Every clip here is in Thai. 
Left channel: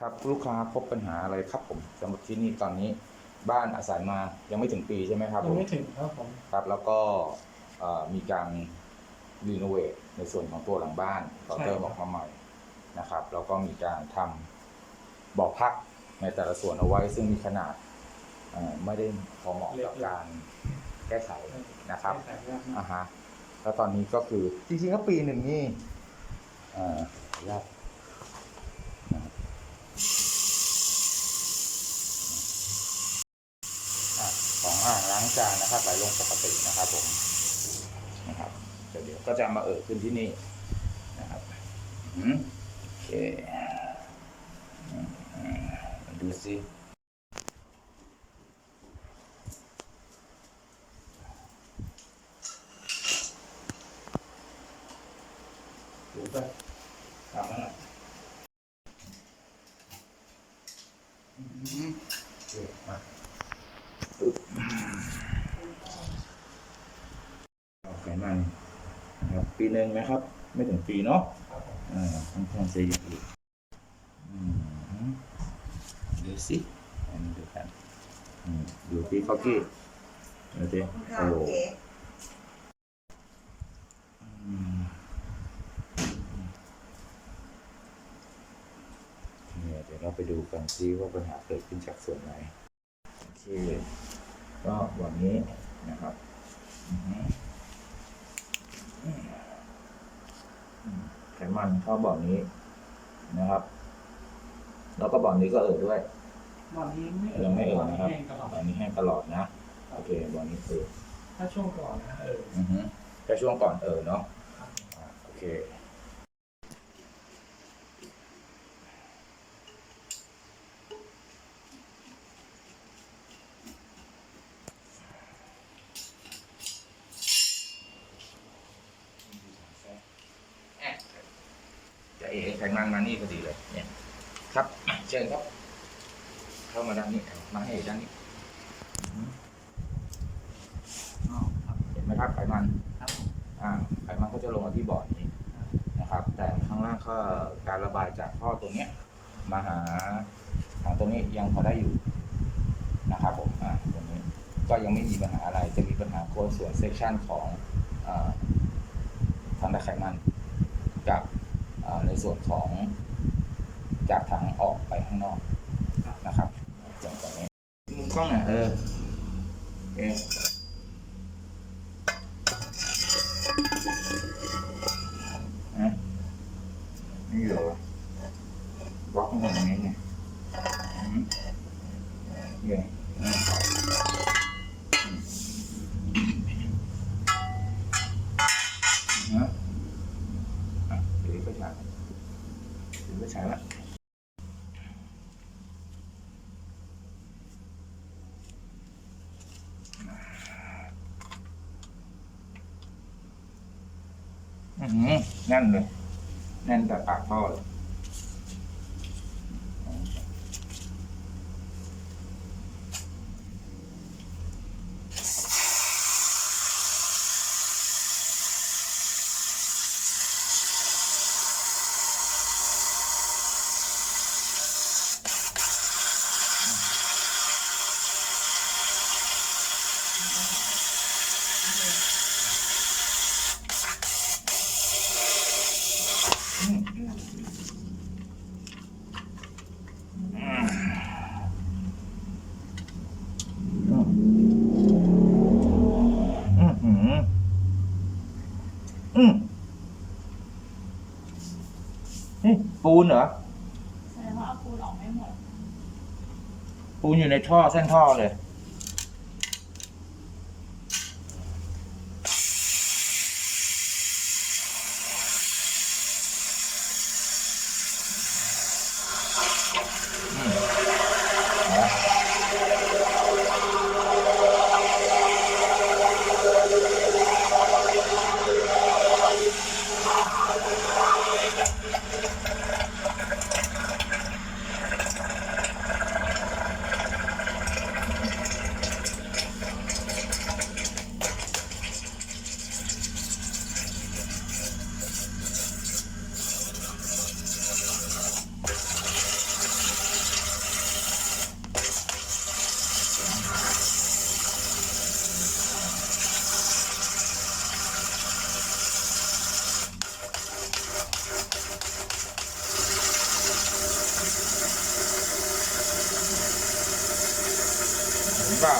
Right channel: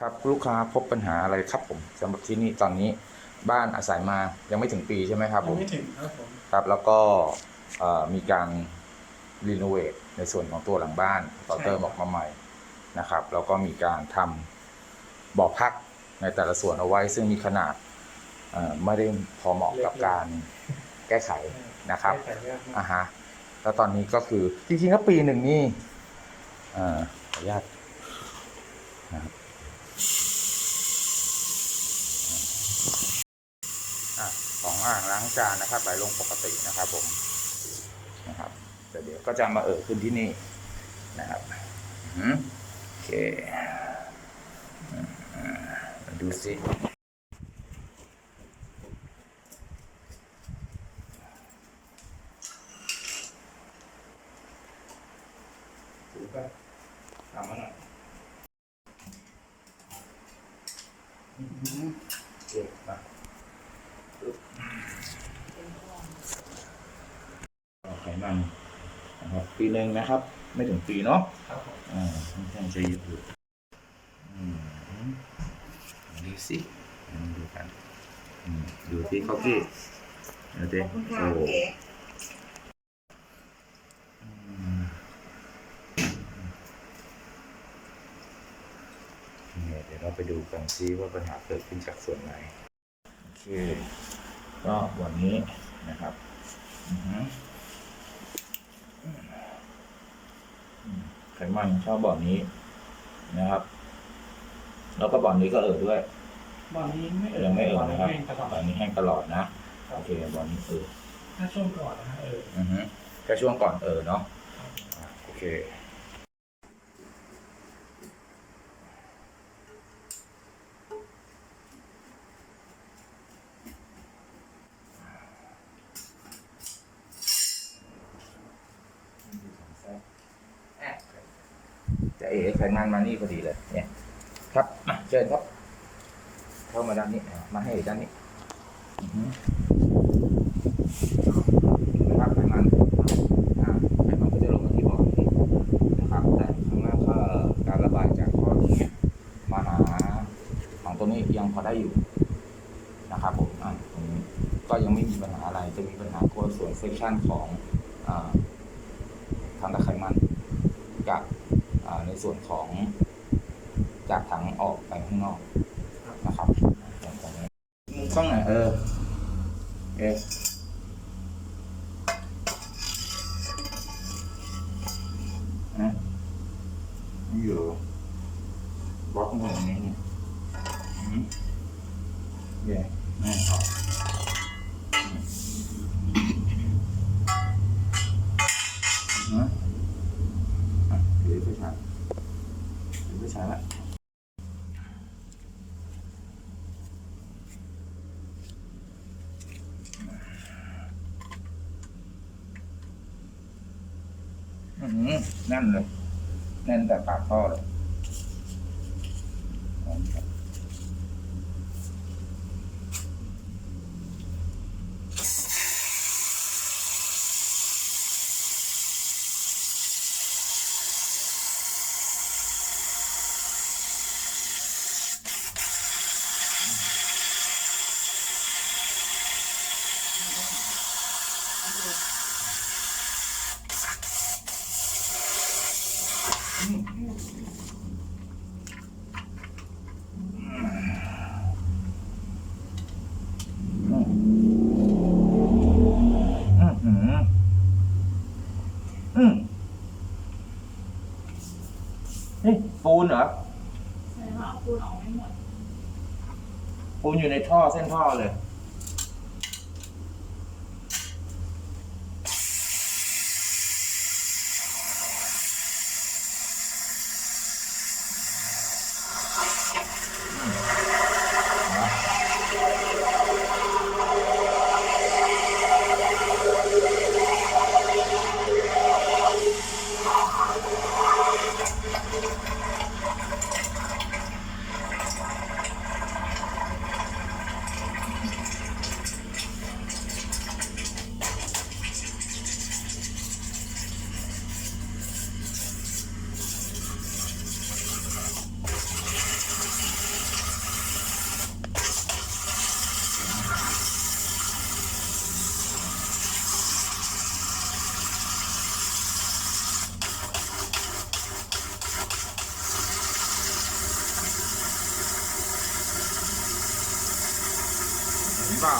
ครับลูกค้าพบปัญหาอะไรครับผมสำหรับที่นี่ตอนนี้บ้านอาศัยมายังไม่ถึงปีใช่ไหมครับผยังมไม่ถึงครับผม ครับ แล้วก็เอ่อมีการรีโนเวทในส่วนของตัวหลังบ้านต่อเติมออกมาใหม่นะครับ แล้วก็มีการทำบ่อพักในแต่ละส่วนเอาไว้ ซึ่งมีขนาดเอ่อไม่ได้พอเหมาะกับการแก้ไขนะครับ ไม่แต่ว่าอ่าฮะแล้วตอนนี้ก็คือจริงๆก็ปีหนึ่งนี่เอ่อขออนุญาตนะครับอะของอ่า งล้างจานนะครับ ไหลลงปกตินะครับผมนะครับแต่เดี๋ยวก็จะมาเอ่อขึ้นที่นี่นะครับอืมโอเคมาดูสิ ถูไปทำแล้วหน่อยอืมโอเคมาปึ๊บเอาไขมันนะครับ ปีหนึ่งนะครับ ไม่ถึงปีเนาะครับผมอ่าค่อนข้างจะเยอะอยู่อืมดูสิอันนี้ดูกันอืมดูที่เขากี้ดูสิขอบคุณค่ะโอ้เก๋อืมเนี่ยเดี๋ยวเราไปดูกันซิว่าปัญหาเกิดขึ้นจากส่วนไหน โอเค ก็วันนี้นะครับ อือหืออืม ไขมันชอบบ่อนี้นะครับ แล้วก็บ่อนี้ก็เอ่อด้วยบ่อนี้ไม่ยังไม่เอ่อนะครับแห้งตลอดบ่อนี้แห้งตลอดนะโอเคบ่อนี้เอ่อถ้าช่วงก่อนนะฮะเอออือฮึแค่ช่วงก่อนเอ่อเนาะครับอะโอเค จะเอ๋ไขมันมานี่พอดีเลย เนี่ย ครับเชิญครับ เข้ามาด้านนี้ มาให้ด้านนี้เห็นไหมครับไขมันอ่าไขมันก็จะลงมาที่บ่อนี้นะครับ แต่ข้างล่างก็การระบายจากท่อตรงนี้มาหาของตรงนี้ยังพอได้อยู่นะครับผมอ่าตรงนี้ก็ยังไม่มีปัญหาอะไร จะมีปัญหาตัวส่วนเซกชันของอาทางตะไขมัน ส่วนของจากถังออกไปข้างนอกนะครับอย่างตรงนี้มุมกล้องหน่อยเออเออ นะนี่เหรอบล็อกเงินอย่างนี้ไงอืมเย่อืมอืมนะอะถือไฟฉายถือไฟฉายละอืมแน่นเลย แน่นแต่ปากท่อเลยอืมอืมอืมอืมเฮ้ยปูนเหรอ แสดงว่าเอาปูนออกไม่หมด ปูนอยู่ใน ท่อเส้นท่อเลย เปล่า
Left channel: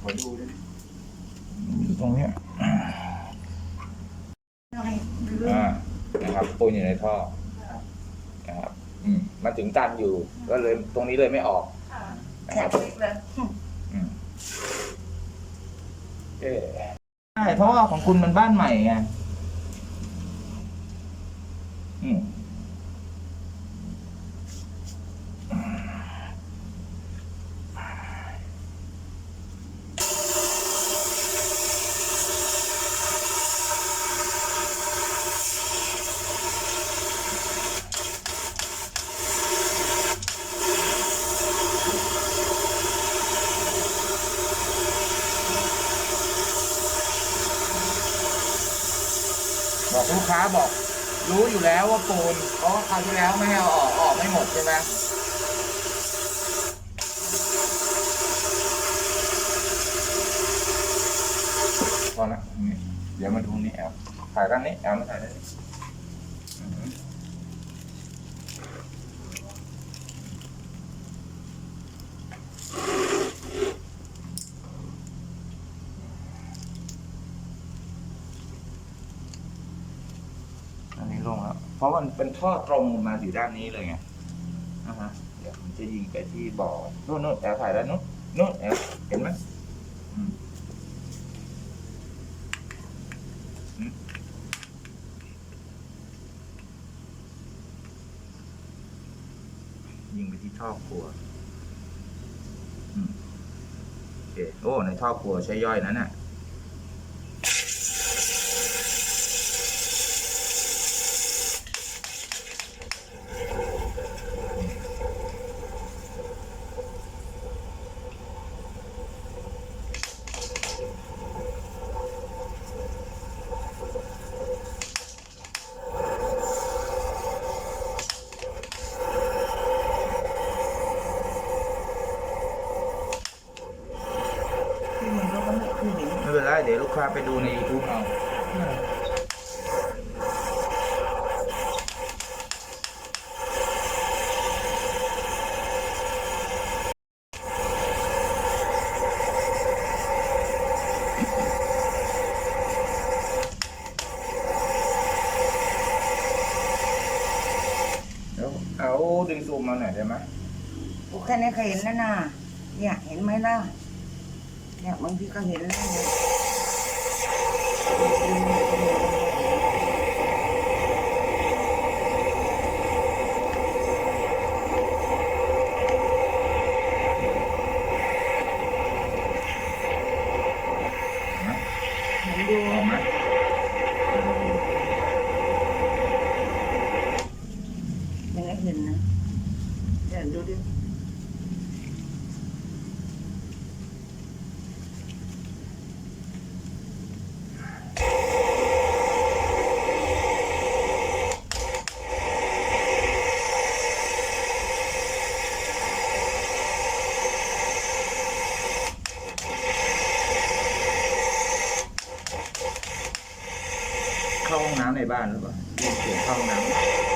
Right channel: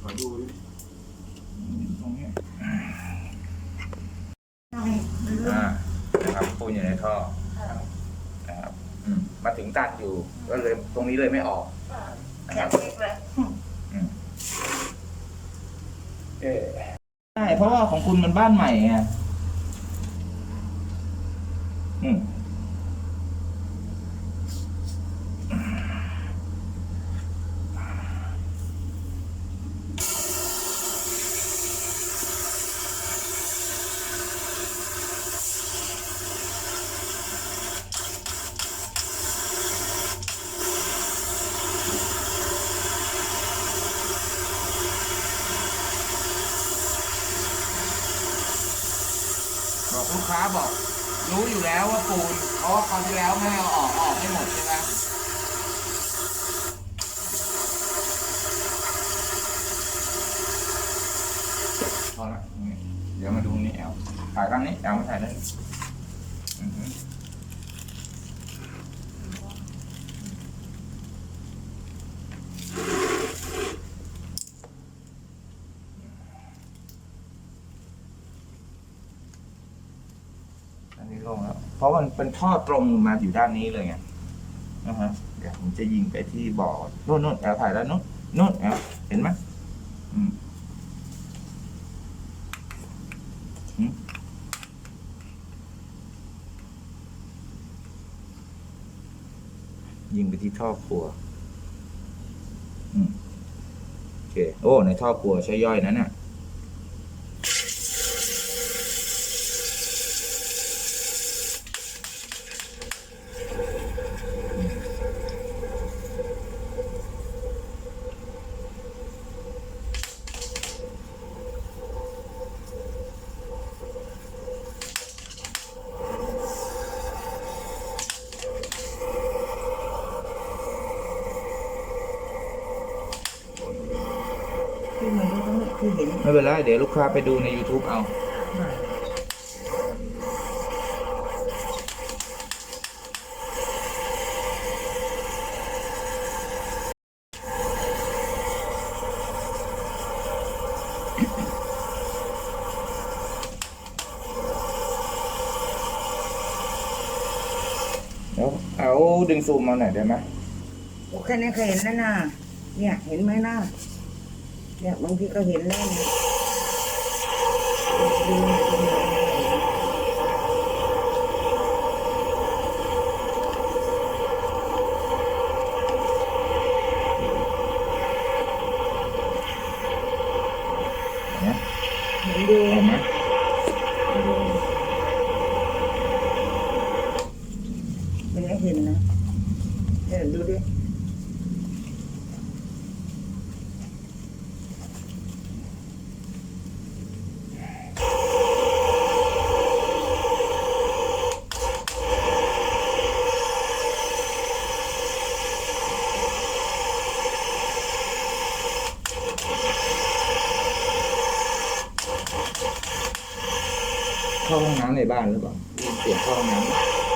ขอดูดิอยู่ตรงเนี้ยอ่า นะครับปูนอยู่ในท่อนะครับ อืมมาถึงตันอยู่ก็เลยตรงนี้เลยไม่ออกนะครับอืมเอ๊ะใช่เพราะว่าของคุณมันบ้านใหม่ไงอืม บอกลูกค้าบอก รู้อยู่แล้วว่าปูนเพราะว่าคราวที่แล้วไม่ให้เอาออกออกไม่หมดใช่ไหมพอละนี่เดี๋ยวมาดูนี่แอลถ่ายด้านนี้แอลไม่ถ่ายด้านนี้อือฮึอันนี้ล งแล้ว เพราะมันเป็นท่อตรงมาอยู่ด้านนี้เลยไงนะฮะเดี๋ยวผมจะยิงไปที่บ่อนู่นนู่นแอลถ่ายด้านนู้นนู่นเห็นไหมอืมยิงไปที่ท่อครัวอืมโอเค โอ้ ในท่อครัวใช้ย่อยนั้นน่ะ ที่มันก็ไม่คือเห็น ไม่เป็นไรเดี๋ยวลูกค้าไปดูใน YouTube เอา เดี๋ยวเอาดึงซูมมาหน่อยได้ไหมโอ้แค่นี้ก็เห็นแล้วนะเนี่ยเห็นไหมนะเนี่ยบางทีก็เห็นแล้วนะ เข้าห้องน้ำในบ้านหรือเปล่ายินเสียงเข้าห้องน้ำ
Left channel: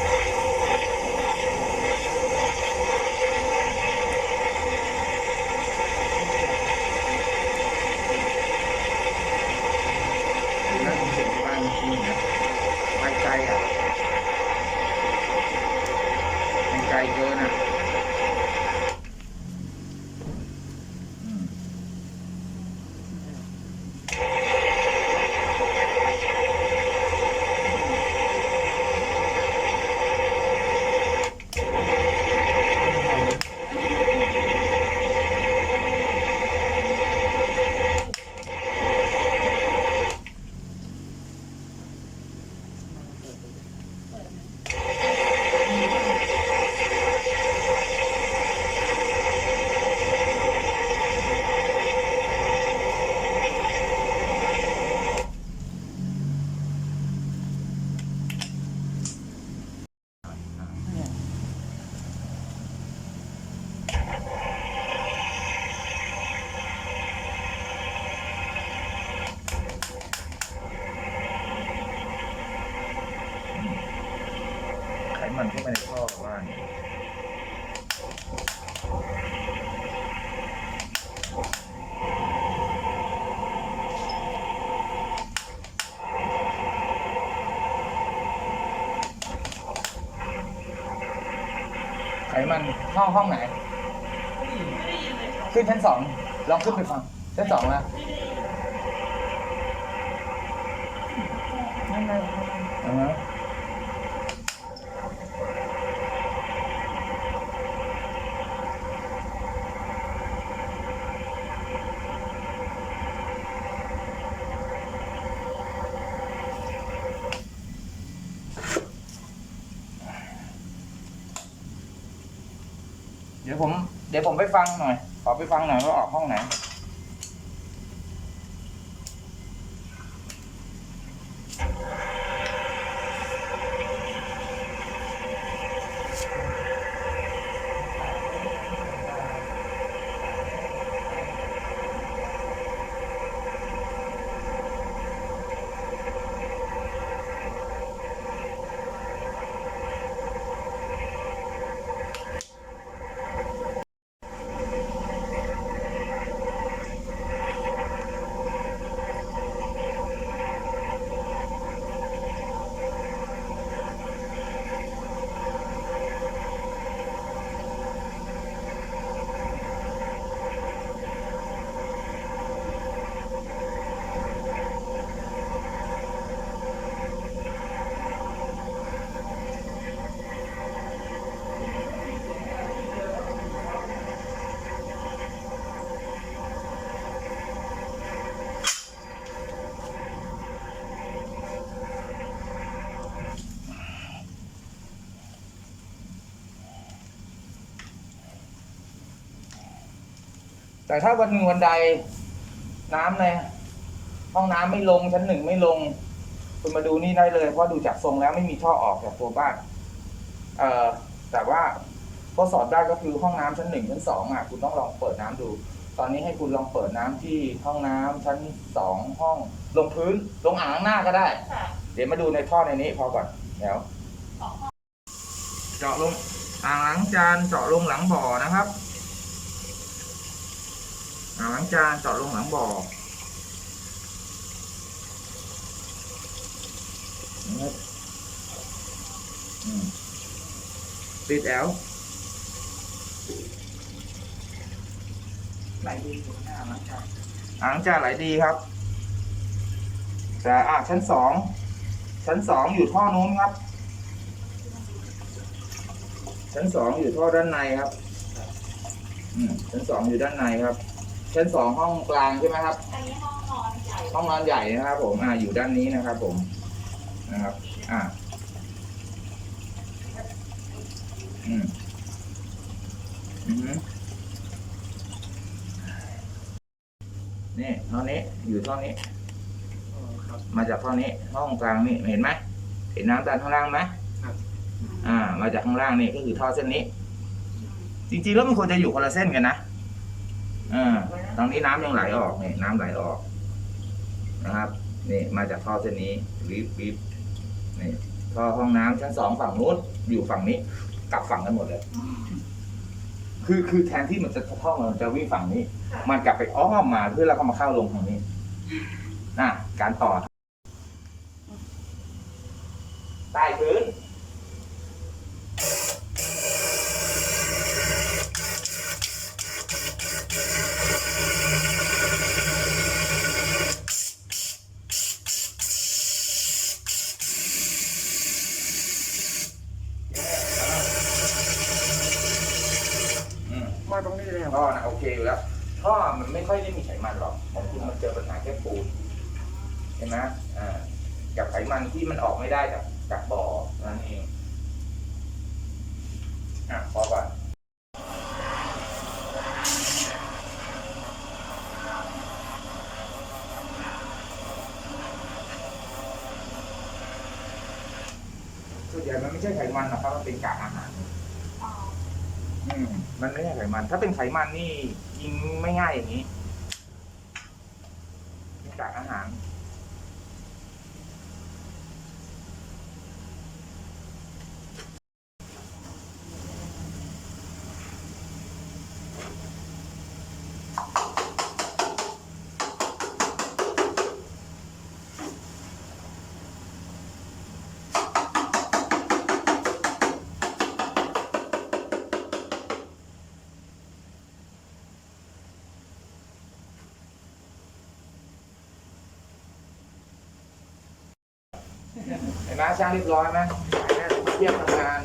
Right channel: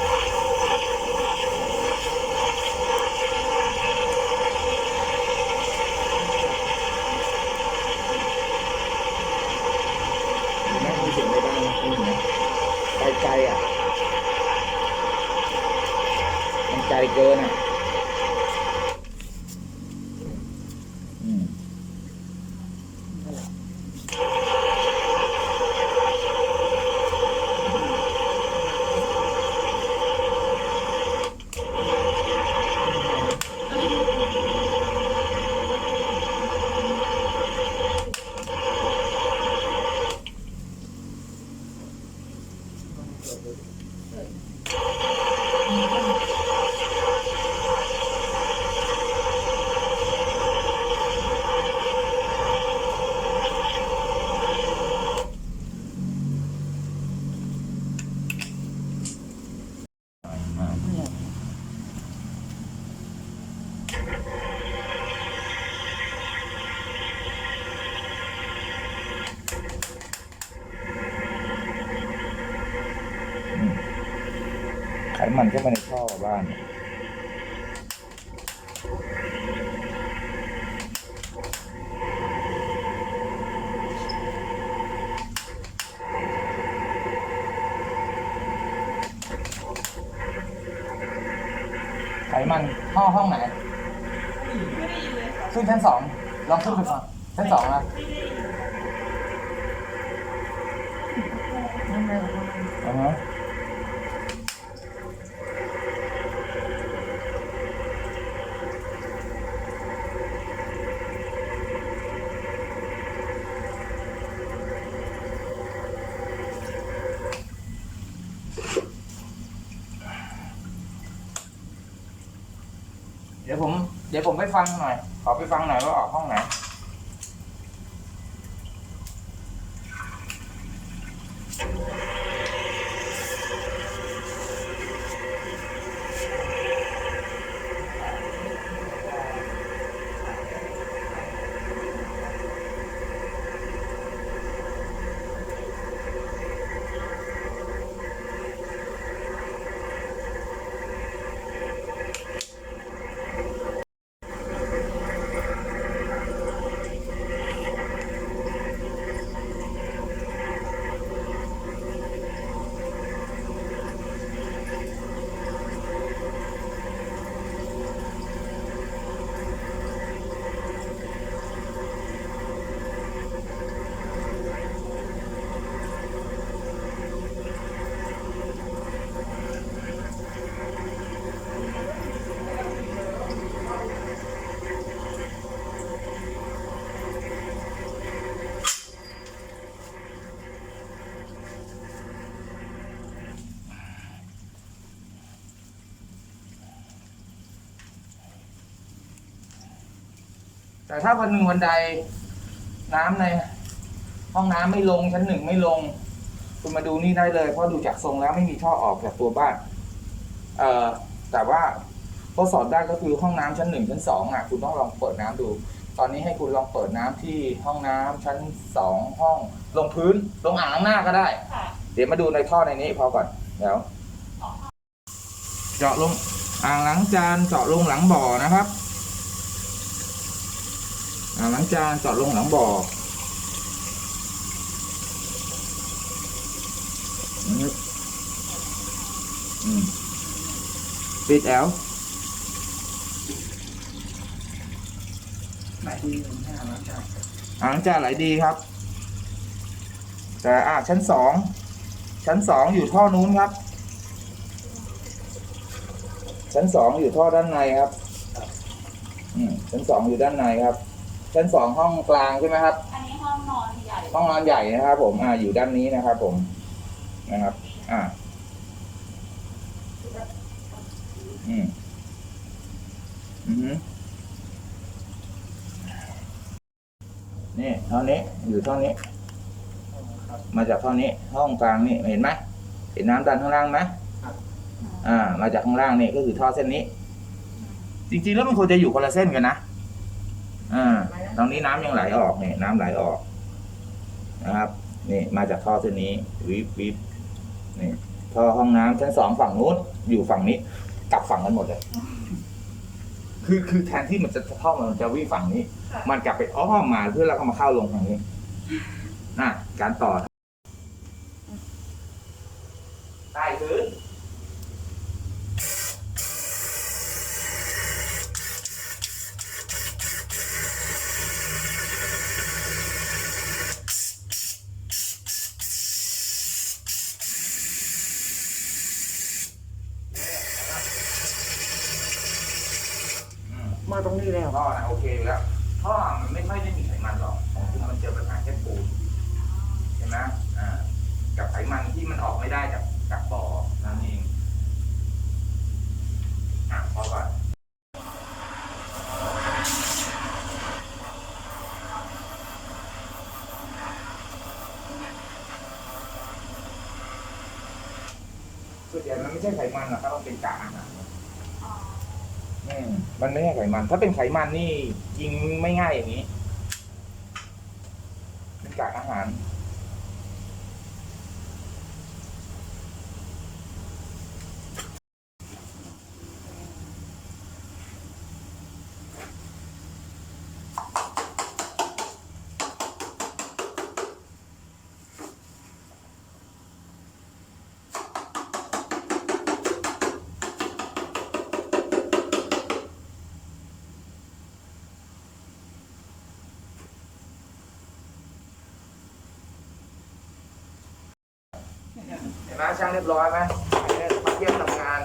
เข้าไปในท่อบ้านไขมันห้องห้องไหนไม่ได้ยินเลยค่ะขึ้นชั้นสองลองขึ้นไปฟังชั้นสองนะไม่ได้ยินนั่นเลยอือฮะเดี๋ยวผม เดี๋ยวผมไปฟังหน่อย ขอไปฟังหน่อยว่าออกห้องไหน แต่ถ้าวันหนึ่งวันใดน้ำในห้องน้ำไม่ลงชั้นหนึ่งไม่ลง คุณมาดูนี่ได้เลย เพราะดูจากทรงแล้วไม่มีท่อออกจากตัวบ้าน เอ่อแต่ว่าทดสอบได้ก็คือห้องน้ำชั้นหนึ่งชั้นสองอะคุณต้องลองเปิดน้ำดู ตอนนี้ให้คุณลองเปิดน้ำที่ห้องน้ำชั้นสองห้อง ลงพื้นลงอ่างล้างหน้าก็ได้ เดี๋ยวมาดูในท่อในนี้พอก่อนเดี๋ยวเจาะลงอ่างล้างจานเจาะลงหลังบ่อนะครับ อ่างล้างจานเจาะลงหลังบ่อนะครับอืมปิดแอลไหนดีหนึ่งห้าล้านจานอ่างล้างจานไหลดีครับ แต่อ่าชั้นสองชั้นสองอยู่ท่อนู้นครับ ชั้นสองอยู่ท่อด้านในครับ อืมชั้นสองอยู่ด้านในครับ ชั้นสองห้องกลางใช่ไหมครับ อันนี้ห้องนอนใหญ่ห้องนอนใหญ่นะครับผมอ่าอยู่ด้านนี้นะครับผมนะครับ อ่า อืมอือฮึนี่ท่อนี้อยู่ท่อนี้อ๋อครับมาจากท่อนี้ ห้องกลางนี่เห็นไหมเห็นน้ำดันข้างล่างไหมครับอ่า มาจากข้างล่างนี่ก็คือท่อเส้นนี้ จริงๆแล้วมันควรจะอยู่คนละเส้นกันนะอ่า ตรงนี้น้ำยังไหลออกเนี่ยน้ำไหลออกนะครับนี่มาจากท่อเส้นนี้วิบวิบนี่ท่อห้องน้ำชั้นสองฝั่งนู้นอยู่ฝั่งนี้ กลับฝั่งกันหมดเลย คือคือแทนที่มันจะท่อมันจะวิ่งฝั่งนี้ค่ะมันกลับไปอ้อมมาเพื่อแล้วก็มาเข้าลงทางนี้น่ะการต่อใต้พื้น อืม มาตรงนี้แล้ว ท่อนะโอเคอยู่แล้วท่อมันไม่ค่อยได้มีไขมันหรอกของคุณมันเจอปัญหาแค่ปูนเห็นไหมอ่า กับไขมันที่มันออกไม่ได้จากจากบ่อนั่นเองอะพอก่อน ส่วนใหญ่มันไม่ใช่ไขมันหรอกครับมันเป็นกากอาหารอ๋ออืมมันไม่ใช่ไขมัน ถ้าเป็นไขมันนี่ยิงไม่ง่ายอย่างนี้เป็นกากอาหาร เห็นไหม ช่างเรียบร้อยไหมถ่ายได้เยี่ยมทำงาน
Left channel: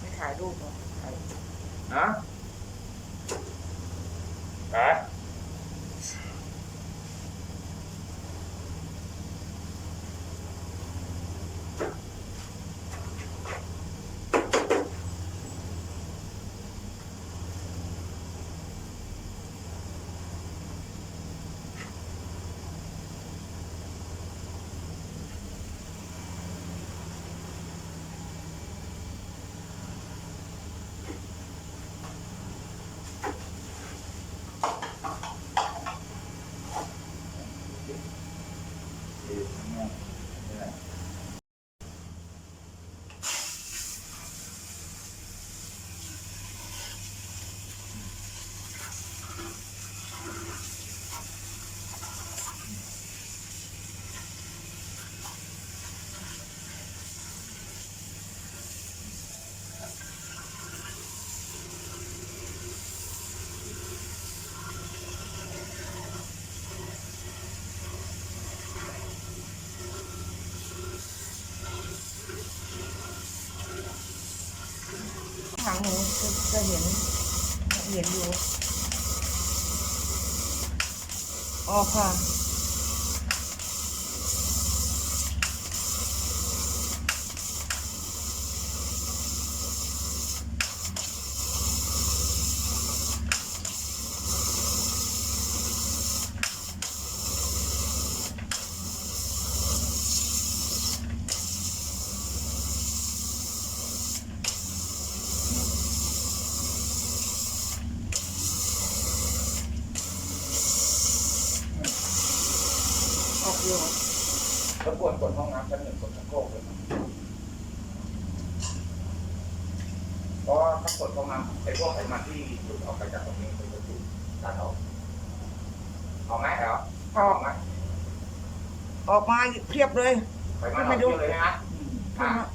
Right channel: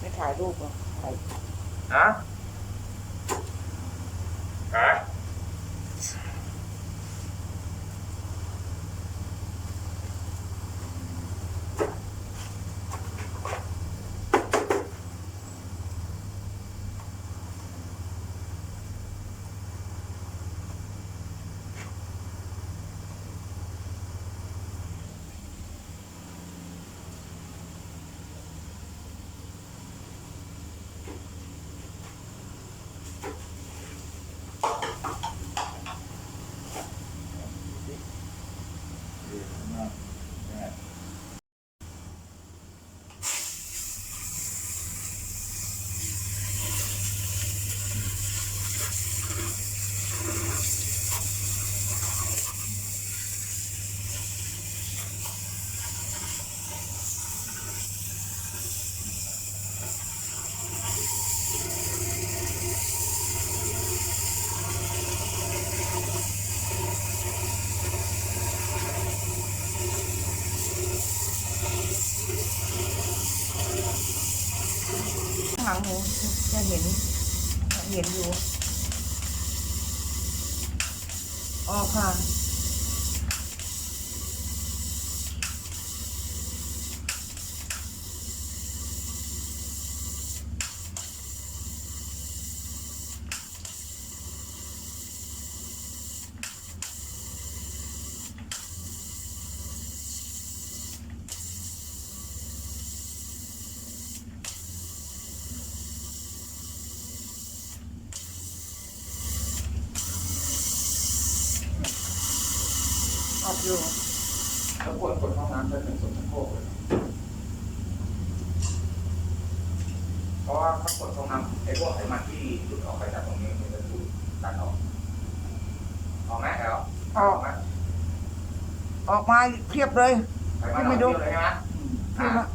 ไม่ถ่ายรูปหรอถ่ายนะฮะดีมากเนี่ย ข้างหลังหนูจะเห็นเห็นอยู่ออกค่ะ ออกอยู่ แล้วควรกดห้องน้ำชั้นหนึ่งกดชั้นโคกเลยครับเพราะ ว่าถ้ากดห้องน้ำไอ้พวกไขมันที่หลุดออกไปจากตรงนี้มันจะถูกดันออกออกไหมแอลออกไหมออกมาเพียบเลยไขมันอไม่อกดูเยอะเลยใช่ไหมเพียบละ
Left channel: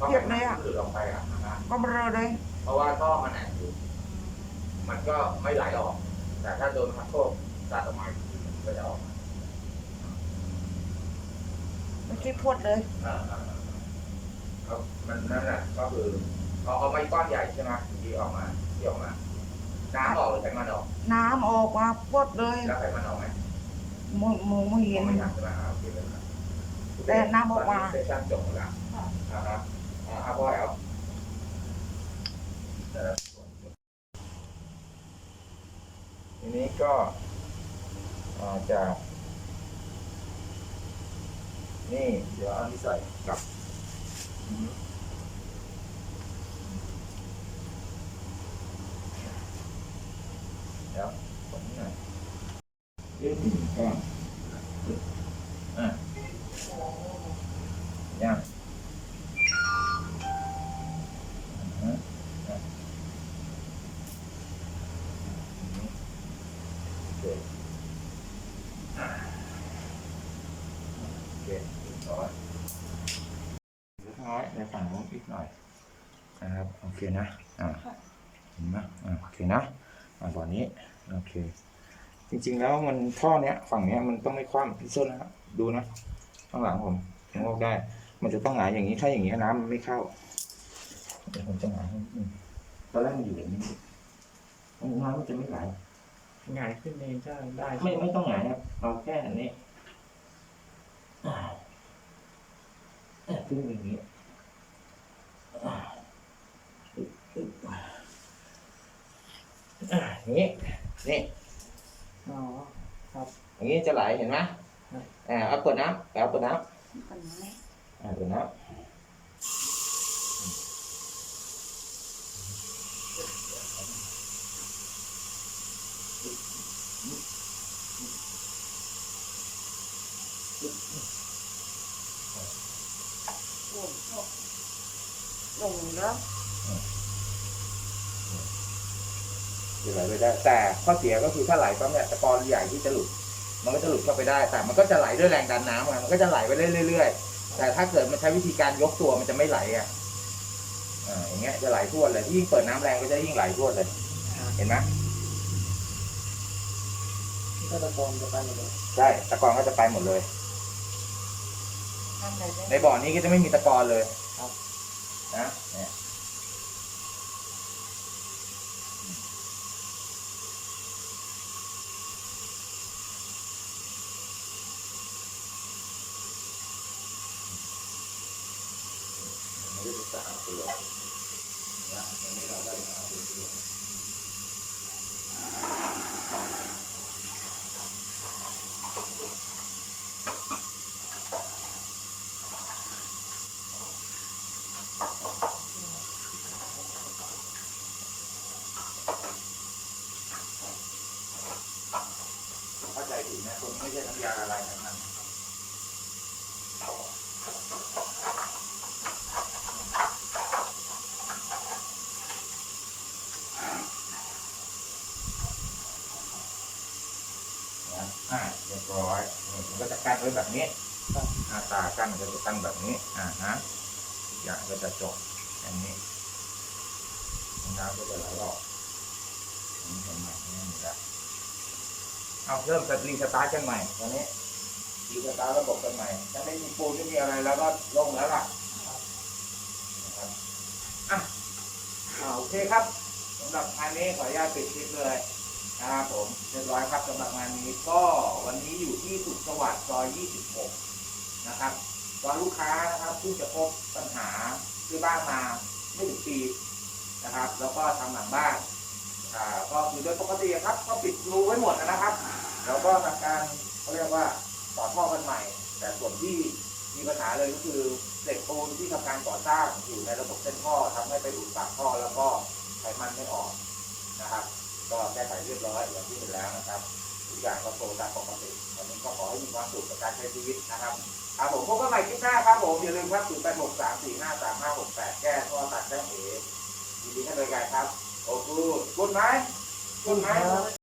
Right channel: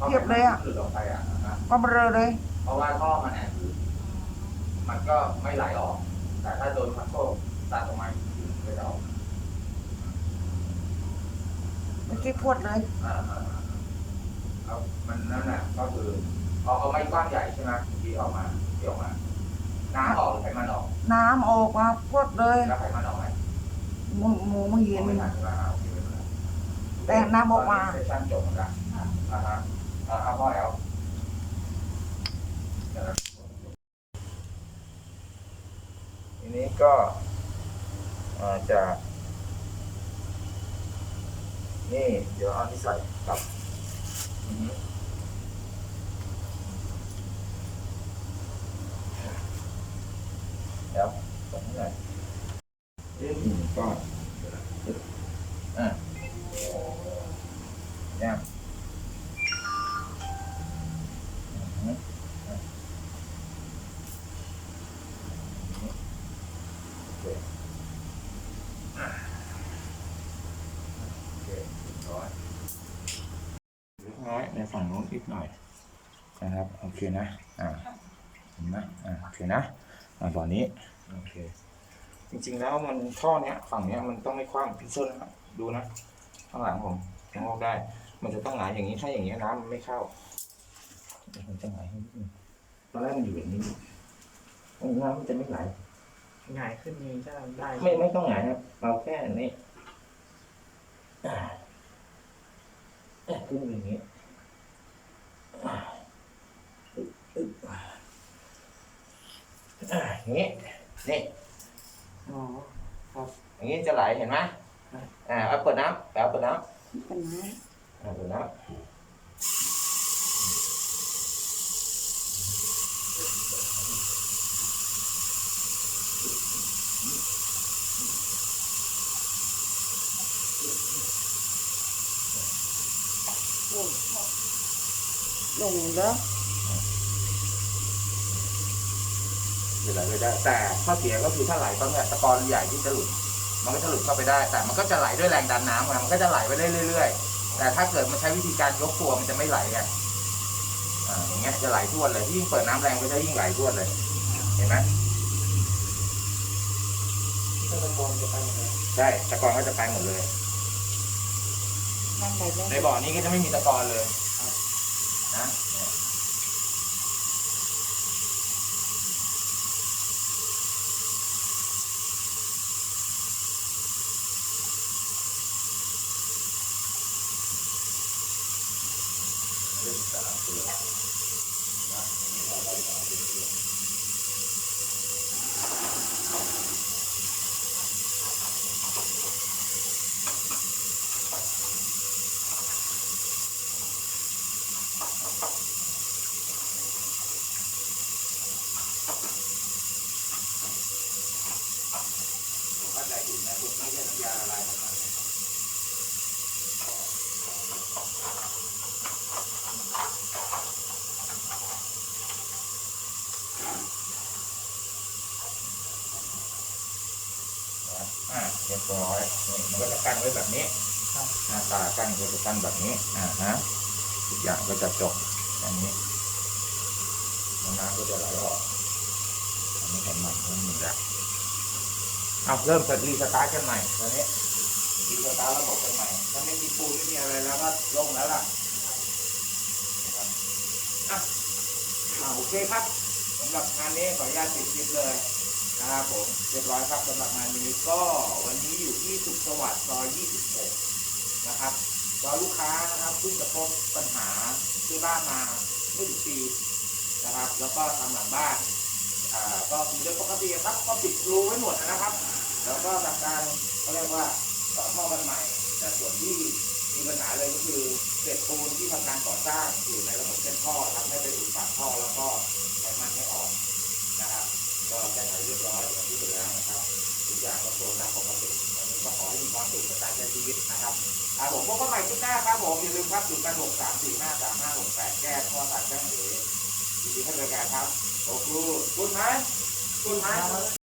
อ่าเทียบเลยอะพราไขมันที่หลุดออกไปอะนะฮะก็เบลอเลย เพราะว่าท่อมันแอนอยู่มันก็ไม่ไหลออก แต่ถ้าโดนพัดโคกตัดออกมาอีกทีมันก็จะออกเมื่อกี้พวดเลยอ่าอ่าอ่าเอามันนั่นแหละก็คือ เอาเอามาอีกก้อนใหญ่ใช่ไหมที่ออกมาที่ออกมา น้ำออกหรือไขมันออก น้ำออกมาพวดเลยแล้วไขมันออกไหมหมูหมูไม่เห็น ไม่ทันใช่ไหมอ่าโอเคไม่เป็นไรแต่น้ำออกมา ตนนี้เซสชั่นจบหมดแล้วอ่าฮะอ่าเอาพ่อแล้วเดี๋ยวนะทีนี้ก็อ่าจะ นี่ เดี๋ยวเอาที่ใส่กลับอือฮึเดี๋ยวตรงนี้หน่อย เอ๊ะหนึ่งก้อนอะยังอือฮึอะโอเคอะโอเคเรียบร้อยเล็กน้อยในฝั่งนู้นอีกหน่อยนะครับ โอเคนะ อ่าเห็นไหมอ่าโอเคนะ อ่าบ่อนี้ โอเค จริงๆแล้วมันท่อเนี้ยฝั่งเนี้ยมันต้องไม่คว่ำพี่ส้นนะครับดูนะข้างหลังผมชะโงกได้ มันจะต้องหงายอย่างนี้ถ้าอย่างนี้น้ำมันไม่เข้าเดี๋ยวผมจะหงายให้นิดนึงตอนแรกมันอยู่อย่างนี้น้ำมันจะไม่ไหลหงายขึ้นเองจะได้ ไม่ไม่ต้องหงายครับเราแค่นี้อ่าอ่าขึ้นอย่างนี้อ่า อึ๊บอึ๊บอ่าอย่างนี้นี่อ๋ออย่างนี้จะไหลเห็นไหมอ่าเอาเปิดน้ำแล้วเปิดน้กันนะำอ่าเปิดน้ำลงแล้ว จะ ไหลไปได้ แต่ข้อเสียก็คือถ้าไหลปั๊บเนี่ยตะกอนใหญ่ที่จะหลุด มันก็จะหลุดเข้าไปได้ แต่มันก็จะไหลด้วยแรงดันน้ำไงมันก็จะไหลไปเรื่อยๆ แต่ถ้าเกิดมันใช้วิธีการยกตัวมันจะไม่ไหลอะอ่าอย่างเงี้ยจะไหลท่วนเลยยิ่งเปิดน้ำแรงก็จะยิ่งไหลท่วนเลย เห็นไหมที่ตะกอนจะไปหมดเลยใช่ตะกอนก็จะไปหมดเลยอทำแบบนี้ในบ่อนี้ก็จะไม่มีตะกอนเลยนะเนี่ยไม่ได้ศึกษาเปลือกนะอันนี้เรา ได้ศึกษาเปลือกผมเข้าใจผิดนะคุณไม่ใช่น้ำยาละลายไขมัน อ่าเรียบร้อยนี่มันก็จะกั้นไว้แบบนี้หน้าตากั้นก็จะกั้นแบบนี้อ่าฮะทุกอย่างก็จะจบอย่างนี้น้ำก็จะไหลออกอันนี้ไขมันไม่มีแล้วเอาเริ่มรีสตาร์ทกันใหม่ตอนนี้รีสตาร์ทระบบกันใหม่ถ้าไม่มีปูนไม่มีอะไรแล้วก็ลงแล้วล่ะอะอ่าโอเคครับสำหรับงานนี้ขออนุญาตปิดคลิปเลย ครับผมเรียบร้อยครับสำหรับงานนี้ก็วันนี้อยู่ที่สุขสวัสดิ์ซอย 26 นะครับตอนลูกค้านะครับเพิ่งจะพบปัญหาซื้อบ้านมาไม่ถึงปีนะครับ แล้วก็ทำหลังบ้านอ่าก็คือโดยปกติครับ ก็ปิดรูไว้หมดนะครับ แล้วก็ทำการเขาเรียกว่าต่อท่อกันใหม่ แต่ส่วนที่มีปัญหาเลยก็คือเศษปูนที่ทำการก่อสร้างอยู่ในระบบเส้นท่อทำให้ไปอุดปากท่อแล้วก็ไขมันไม่ออกนะครับ ก็แก้ไขเรียบร้อยอย่างที่สุดแล้วนะครับทุกอย่างก็โฟล์ตามปกติวันนี้ก็ขอให้มีความสุขกับการใช้ชีวิตนะครับครับผมพบกันใหม่ที่หน้าครับผมอย่าลืมครับ0 8 6 3 4 5 3 5 6 8แก้ข้อตัดแจ้งเอ๋ยินดีให้บริการครับโอ้กูดกูดไหมกูดไหม